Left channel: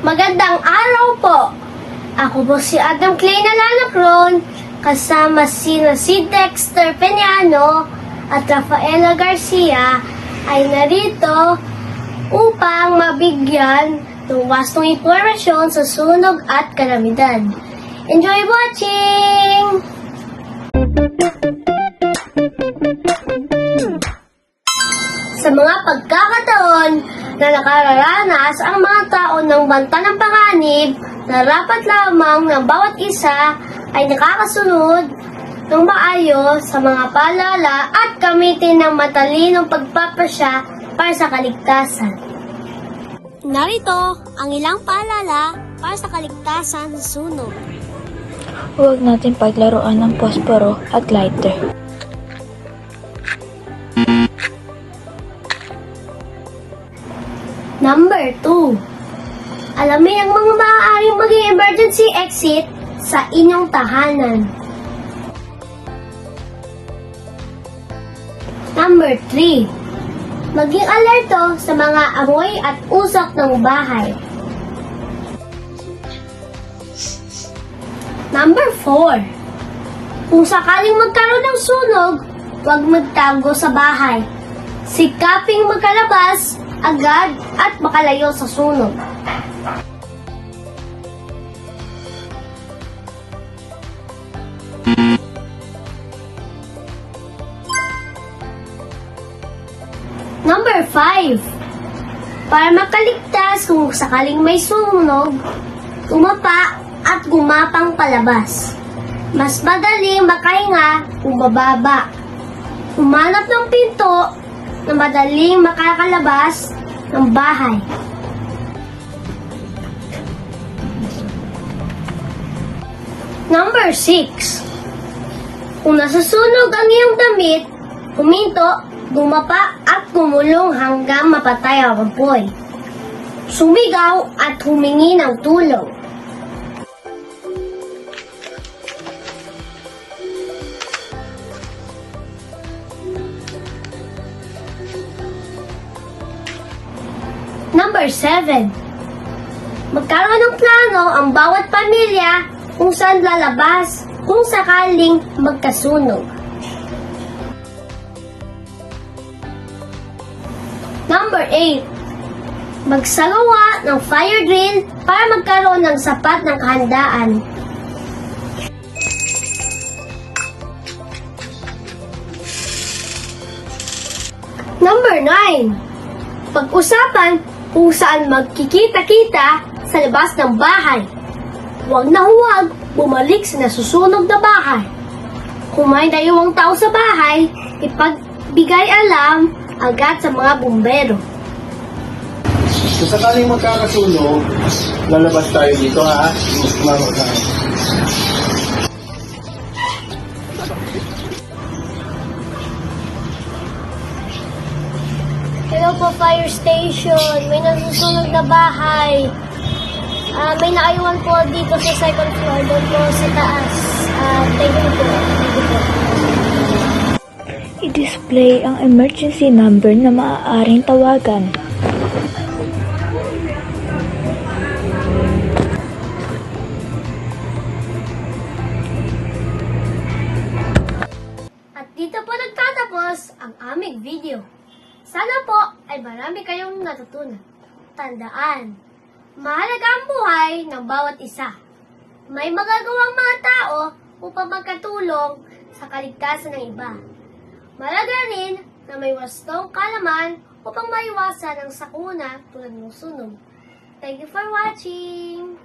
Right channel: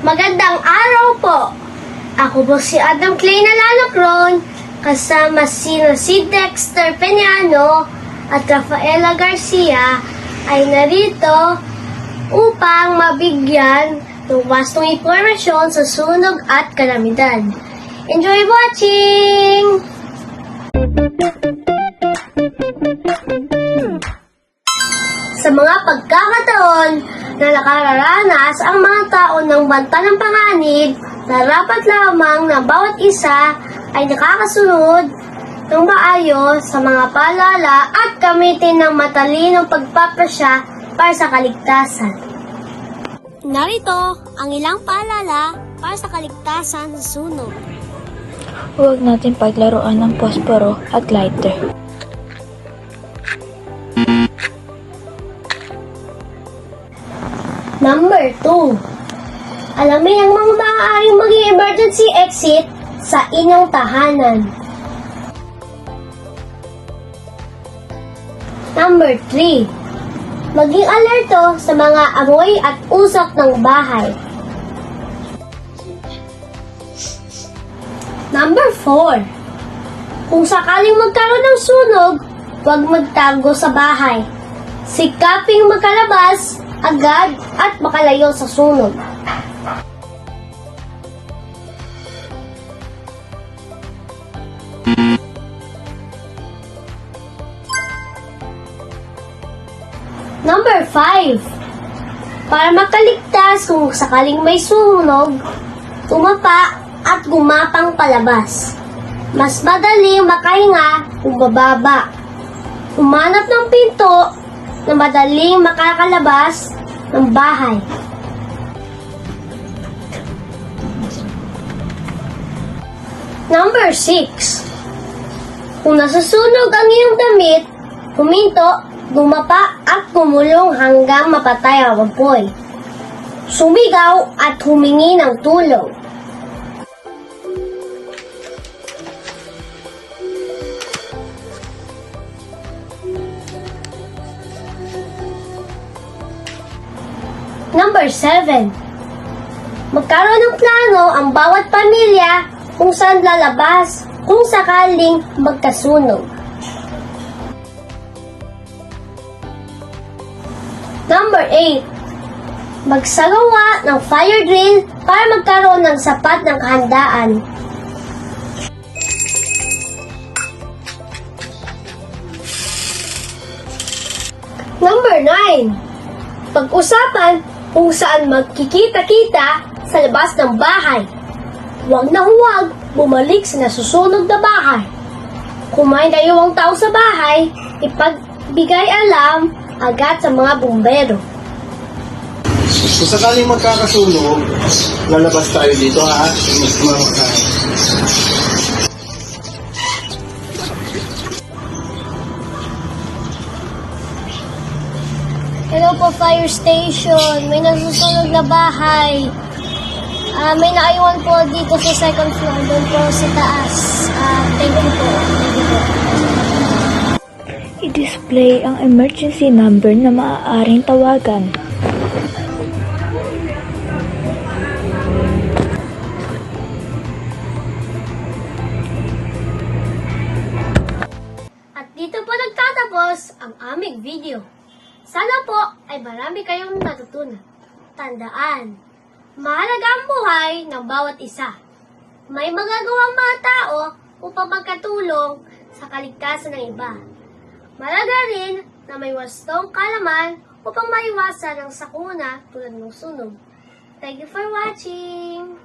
Magandang araw po! Ako po si Adam Clay Nalalacron, kasama si Dexter Peñano at Rafaela Garcia ay narito upang mabigyan ng wastong impormasyon sa sunog at kalamidad. Enjoy watching! Sa mga pagkakataon na nakararanas ang mga tao ng banta ng panganib, narapat lamang na bawat isa ay nakakasunod ng maayos sa mga paalala at gamitin ng matalinong pagpapasya para sa kaligtasan. Narito ang ilang paalala para sa kaligtasan sa sunog. Huwag natin paglaruan ng posporo at lighter. Number 2. Alamin ang mga maaaring maging emergency exit sa inyong tahanan. Number 3. Maging alerto sa mga amoy at usok ng bahay. Number 4. Kung sakaling magkaroon ng sunog, huwag magtago sa bahay. Sikaping makalabas agad at makalayo sa sunog. Number 5. Para makaligtas kung sakaling may sunog, tumapa at gumapang palabas. Mas madaling makahinga kung bababa. Humanap ng pinto na madaling makakalabas ng bahay. Number 6. Kung nasusunog ang iyong damit, huminto, dumapa at gumulong hanggang mapatay ang apoy. Sumigaw at humingi ng tulong. Number 7. Magkaroon ng plano ang bawat pamilya kung saan lalabas kung sakaling magkasunog. Number 8. Magsagawa ng fire drill para magkaroon ng sapat ng kahandaan. Number 9. Pag-usapan kung saan magkikita-kita sa labas ng bahay. Huwag na huwag bumalik sa nasusunog na bahay. Kung may naiwang tao sa bahay, ipagbigay alam agad sa mga bumbero. Kung sakaling magkakasunog, lalabas tayo dito ha. Hello po, fire station. May nasusunog na bahay. May naiwan po dito sa second floor. Doon po sa taas. Thank you po. I-display ang emergency number na maaaring tawagan. At dito po nagtatapos ang aming video. Sana po ay marami kayong natutunan. Tandaan, mahalaga ang buhay ng bawat isa. May magagawang mga tao upang magkatulong sa kaligtasan ng iba. Mahalaga rin na may wastong kalaman upang maiwasan ang sakuna tulad ng sunog. Thank you for watching!